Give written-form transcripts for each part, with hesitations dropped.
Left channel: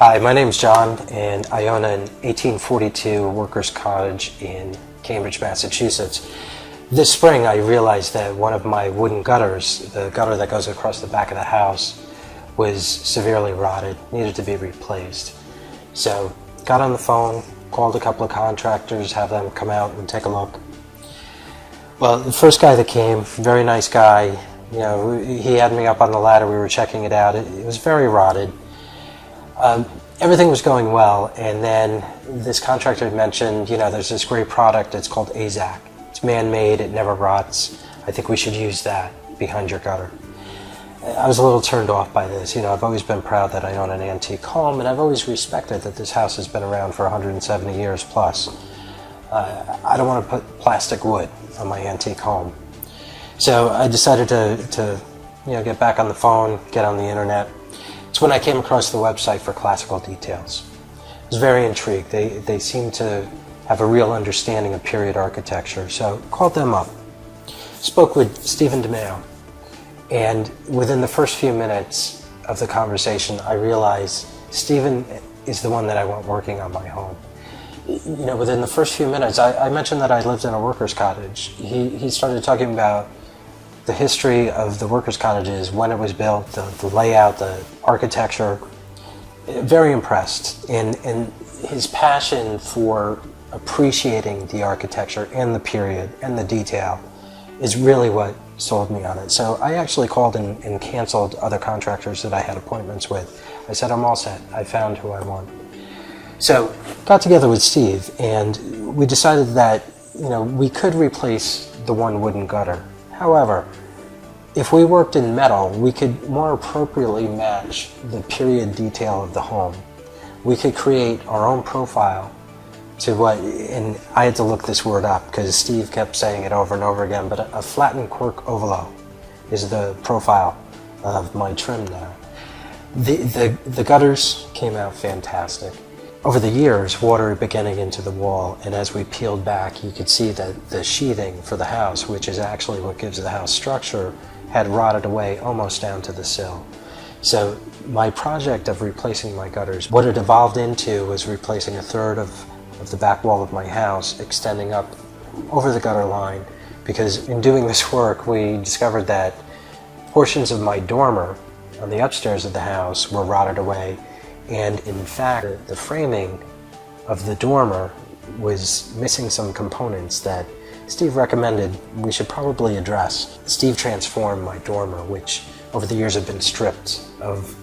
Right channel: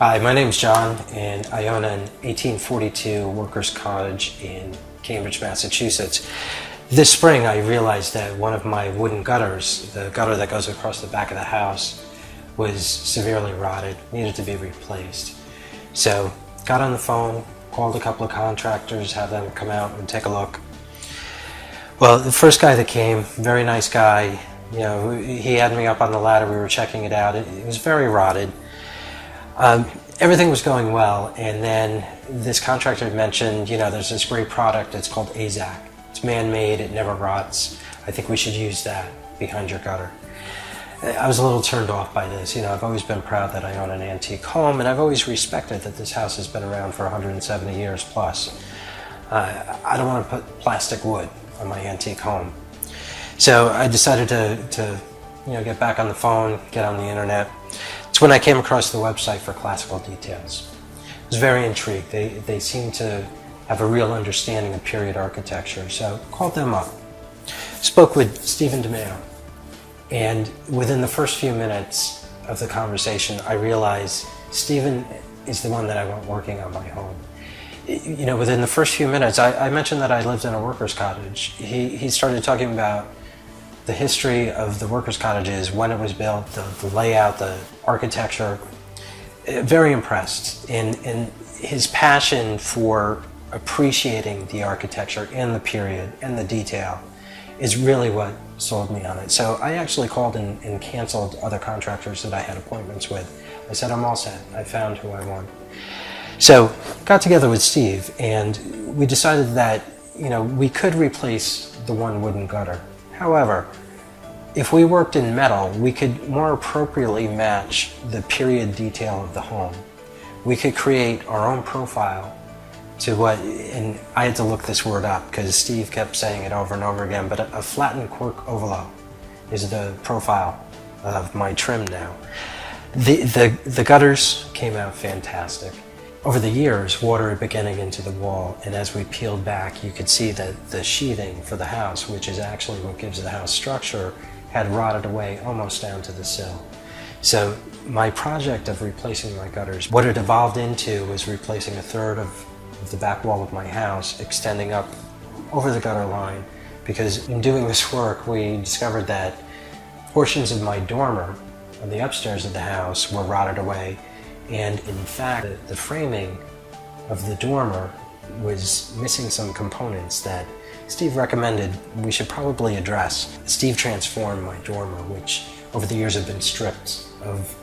Hi, my name's John, and I own an 1842 workers' cottage in Cambridge, Massachusetts. This spring I realized that one of my wooden gutters, the gutter that goes across the back of the house, was severely rotted, needed to be replaced. So got on the phone, called a couple of contractors, have them come out and take a look. Well, the first guy that came, very nice guy, he had me up on the ladder, we were checking it out. It was very rotted. Everything was going well, and then this contractor mentioned, there's this great product, it's called AZAC. It's man-made, it never rots. I think we should use that behind your gutter. I was a little turned off by this. I've always been proud that I own an antique home, and I've always respected that this house has been around for 170 years plus. I don't want to put plastic wood on my antique home. So I decided to get back on the phone, get on the internet. It's when I came across the website for Classical Details. I was very intrigued. They seem to have a real understanding of period architecture, so called them up. Spoke with Stephen DeMeo, and within the first few minutes of the conversation, I realized Stephen is the one that I want working on my home. Within the first few minutes, I mentioned that I lived in a workers' cottage. He started talking about the history of the workers' cottages, when it was built, the layout, the architecture. Very impressed. And his passion for appreciating the architecture and the period and the detail is really what sold me on it. So I actually called and canceled other contractors that I had appointments with. I said, I'm all set. I found who I want. So got together with Steve, and we decided that we could replace the one wooden gutter. However, if we worked in metal, we could more appropriately match the period detail of the home. We could create our own profile to what, and I had to look this word up because Steve kept saying it over and over again, but a flattened cork ovalo is the profile of my trim now. The gutters came out fantastic. Over the years, water had been getting into the wall, and as we peeled back, you could see that the sheathing for the house, which is actually what gives the house structure, had rotted away almost down to the sill. So my project of replacing my gutters, what it evolved into was replacing a third of the back wall of my house, extending up over the gutter line, because in doing this work, we discovered that portions of my dormer on the upstairs of the house were rotted away. And in fact, the framing of the dormer was missing some components that Steve recommended we should probably address. Steve transformed my dormer, which over the years had been stripped of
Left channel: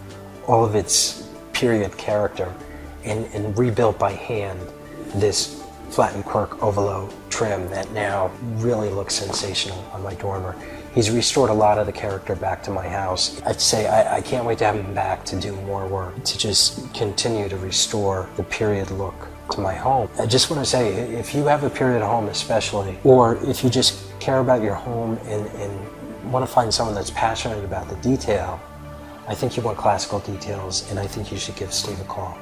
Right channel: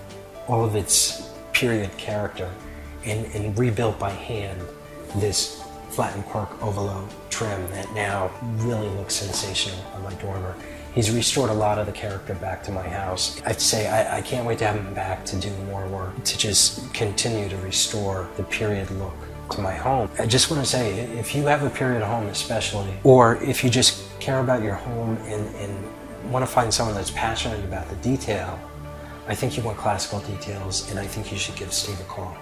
all of its period character, and rebuilt by hand this flattened cork ovalo trim that now really looks sensational on my dormer. He's restored a lot of the character back to my house. I'd say I can't wait to have him back to do more work, to just continue to restore the period look to my home. I just want to say, if you have a period home especially, or if you just care about your home and want to find someone that's passionate about the detail, I think you want Classical Details, and I think you should give Steve a call.